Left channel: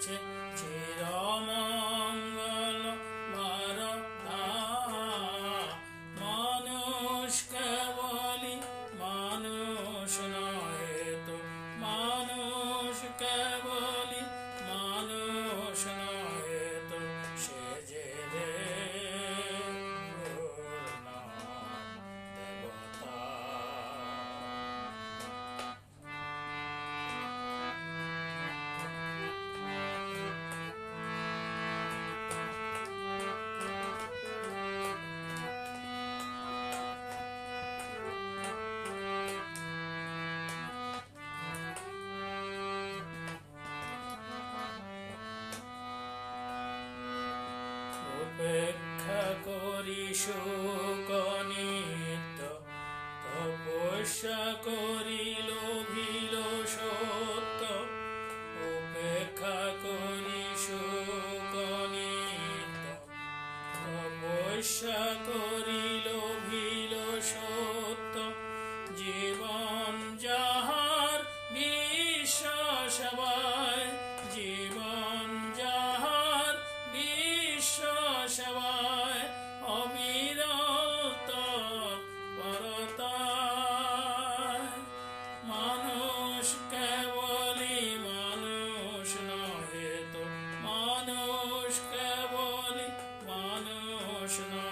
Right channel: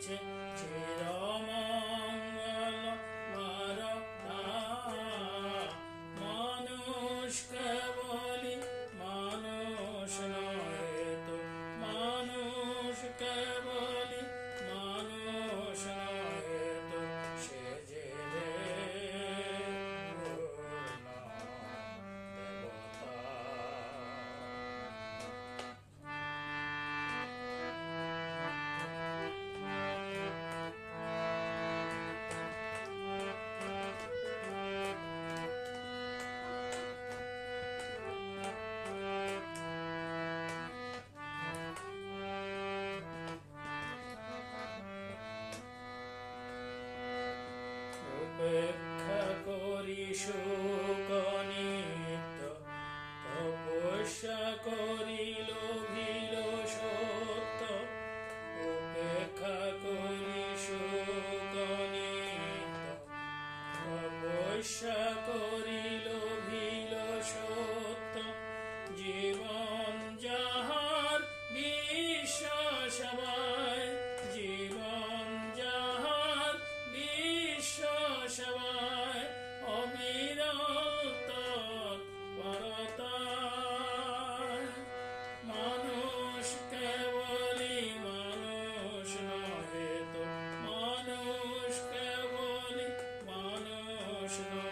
হয়েছে চিরমঙ্গল বারতা। করি সুকনিত তপস্যা করি ভিল সত্য উপেক্ষা করি শোকনিত তপস্যা করি মানুষ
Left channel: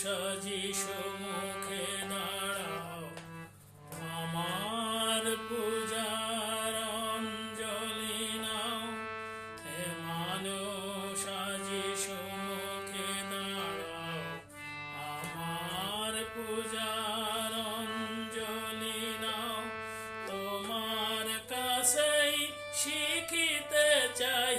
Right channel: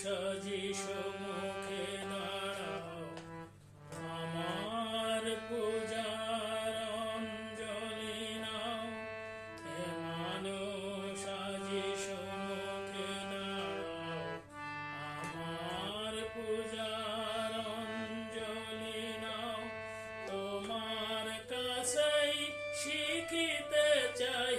যিশু মুখে দাঁড়াও। আমার পূজার অঞ্জলি নাও। হে মানুষ যিশু মুখে আমার পূজার অঞ্জলি নাও। তোমার কাছেই শিখিতে চাই।